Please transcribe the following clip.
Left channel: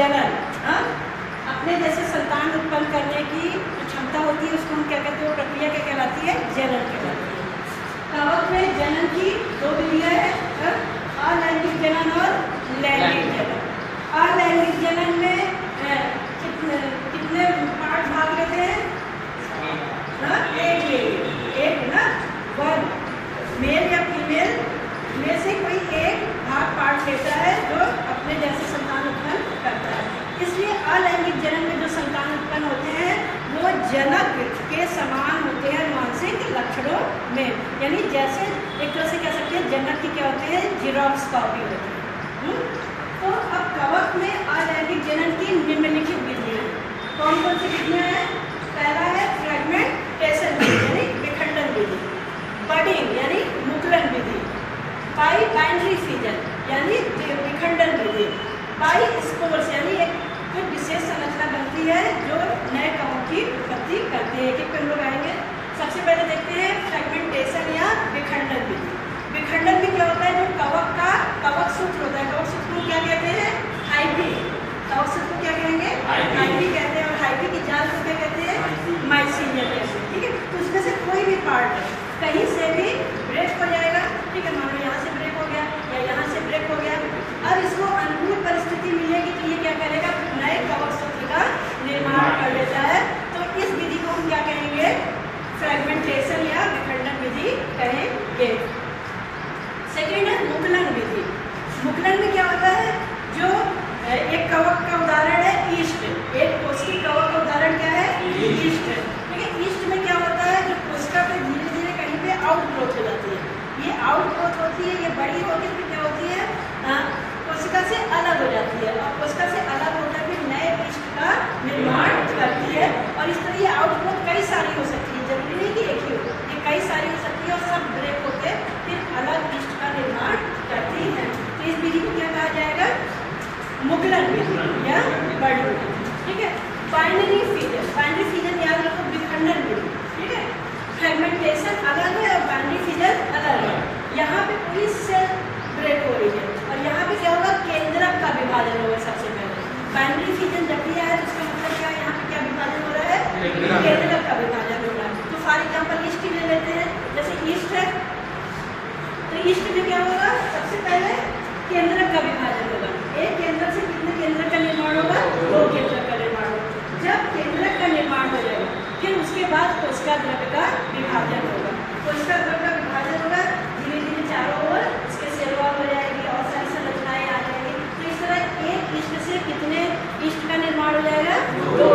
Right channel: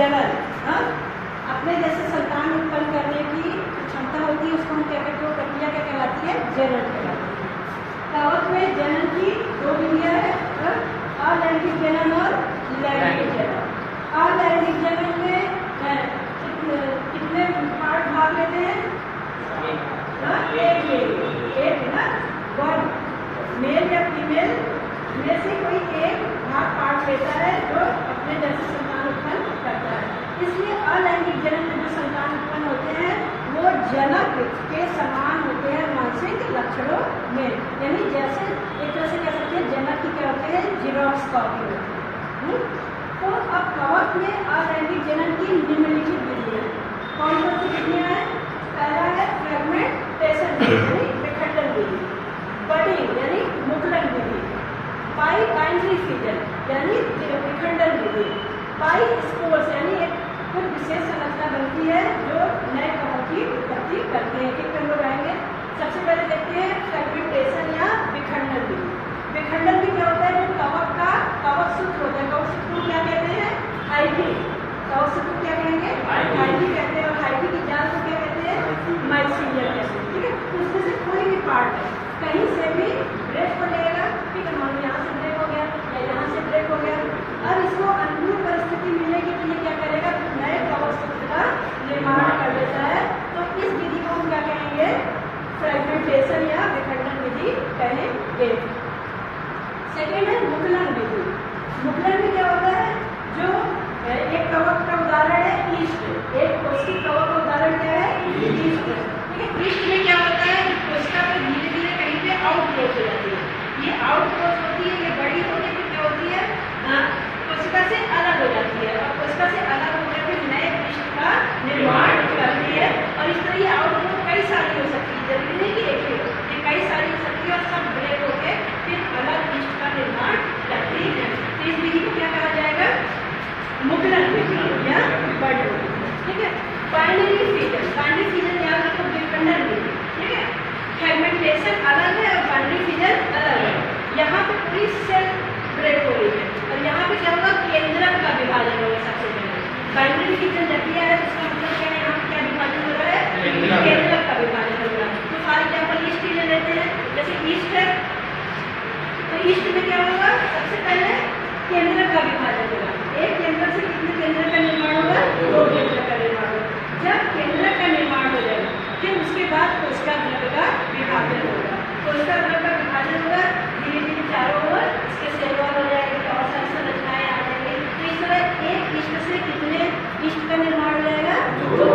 जनन, अपने जैसे संतान उत्पन्न करने की क्षमता होती है, उसको हम क्या कहते हैं, वो प्रक्रिया क्या कहलाती है, जनन कहलाती है। कवक में जनन की दो विधियां है, अलैंगिक जनन और लैंगिक जनन। अलैंगिक जनन में कितने पार्ट भाग लेते हैं, एक ना, वन मेल या फीमेल में से कोई एक भाग पार्ट लेता है जो अपने जैसे संतान उत्पन्न करता है। इसलिए अलैंगिक जनन में जो संतान उत्पन्न होते हैं वो जनक के समान होते हैं मानसिक लक्षणों में, यानी जैसे एक तरह से कह सकते हैं जनक के क्या होते हैं, जीरोक्स कॉपी होते हैं। तो अब कवक में अलैंगिक जनन की निम्नलिखित विधियां, कौन कौन सी विधियां हैं? पहला है फ्रेगमेंटेशन यानी विखंडन विधि, बडिंग यानी मुकुलन विधि, बाइनरी फिजन यानी विखंडन विधि, बाई स्पोर्स यानी एक कुछ विशेष संरचना बनती है जो नए कवक की उत्पत्ति करती है। कि हम लोग आएंगे, सबसे पहले देखते हैं फ्रेगमेंटेशन या विखंडन विधि। विखंडन में क्या होता है, जो कवक का कवक सूत्र होता है, कवक सूत्र को क्या कहते हैं, हाइफी, कवक सूत्र को क्या कहेंगे, हाइफी कहते हैं, और हाइफी की जाल को क्या कहते हैं, माइसीलियम कहते हैं। ठीक है, तो उसमें से कोई भी पार्ट कहीं से भी ब्रेक हो जाएगा, ठीक है, मान लो यहाँ से ब्रेक हो गया या यहाँ से ब्रेक हो गया, अब इसको अनुकूल परिस्थिति मिलेगी तो ये क्या करेगा, नए कवक सूत्र का निर्माण कर लेता है। तो इस विधि को हम क्या कहेंगे, फ्रेगमेंटेशन या विखंडन विधि कहेंगे। सेकेंड है मुकुलन विधि। मुकुलन में क्या होता है, जो एक कवक का उदाहरण है ईस्ट, एक कोशिका कवक का उदाहरण क्या है, ईस्ट। ठीक है, ईस्ट में क्या होता है कि कोशिका पे धीरे धीरे कहीं पे आउट ग्रोथ हो जाती है, ये आउट ग्रोथ होती है, ये बड़ी होती है, क्या होती है, कोशिका से अलग हो जाती है, और कोशिका से अलग होकर फिर नए ईस्ट का निर्माण करती है। और इस तरह ये आउट ग्रोथ कई सारी हो सकती है, जरूरी नहीं कि एक ही हो, ये कई सारी हो सकती है, और सब ब्रेक होकर फिर अलग ईस्ट का निर्माण करती है। तो इस विधि को क्या कहा जाएगा, मुकुलन विधि या बड़ी विधि। ठीक है, बाइनरी फिजन याद रखो, विखंडन विधि। ठीक है, फ्रेगमेंटेशन अलग है और बाइनरी फिजन अलग है। यहाँ पे पूरी सेल ब्रेक हो रही है और यहाँ पे क्या होगा, केंद्रक का विभाजन होगा। सबसे पहले बाइनरी फिजन जब किया है, उसका मतलब क्या है, यहाँ पे क्या विभाजन हो रहा है, केंद्रक का विभाजन हो रहा है। तो फॉर एग्जाम्पल ईस्ट ही ले लेते हैं, जैसे ईस्ट है तो ईस्ट में क्या होगा, सबसे पहले केंद्रक का विभाजन होगा। एक केंद्रक से कितने केंद्रक का निर्माण होगा, दो केंद्रक का निर्माण होगा। जब केंद्रक का निर्माण हो जाएगा फिर उसके बाद कोशिका द्रव्य का विभाजन होगा। कोशिका द्रव्य का विभाजन होगा, धीरे धीरे चारों ओर इसके सेल वॉल हो जाएगी और सारी संरचनाएं आ जाएंगी। तो इस तरह एक ईस्ट से कितने ईस्ट का निर्माण हो जाएगा, दो